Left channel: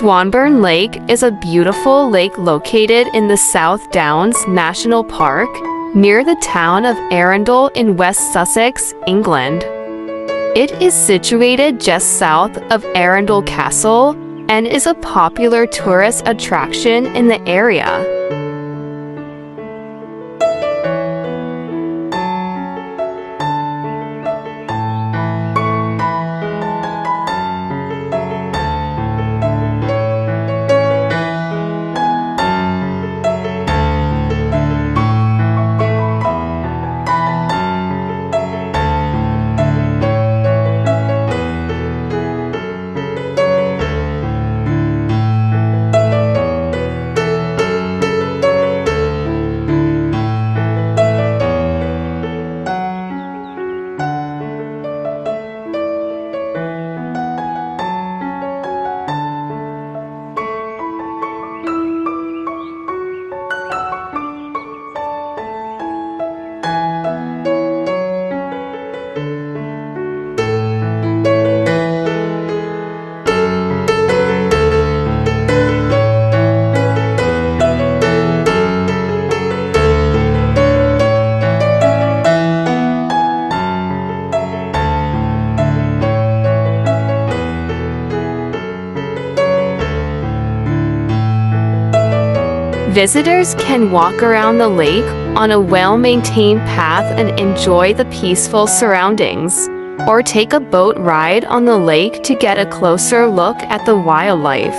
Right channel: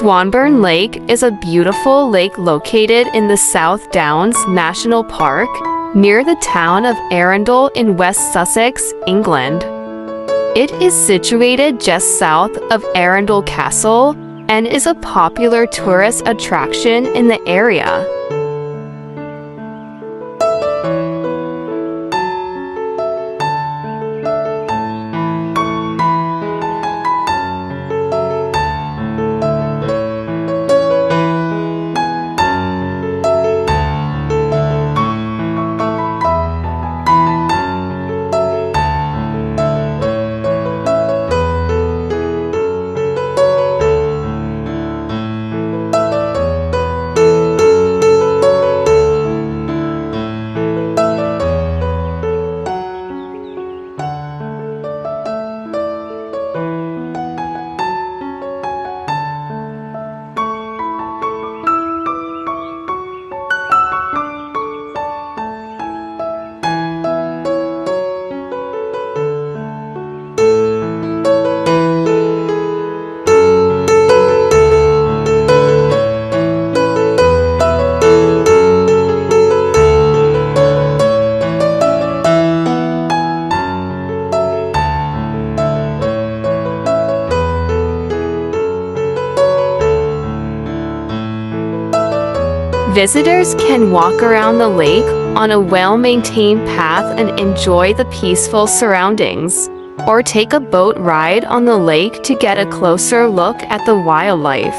Swanbourne Lake is a beautiful lake located in the South Downs National Park, near the town of Arundel in West Sussex, England. It is situated just south of Arundel Castle and is a popular tourist attraction in the area. Visitors can walk around the lake on a well-maintained path and enjoy the peaceful surroundings, or take a boat ride on the lake to get a closer look at the wildlife.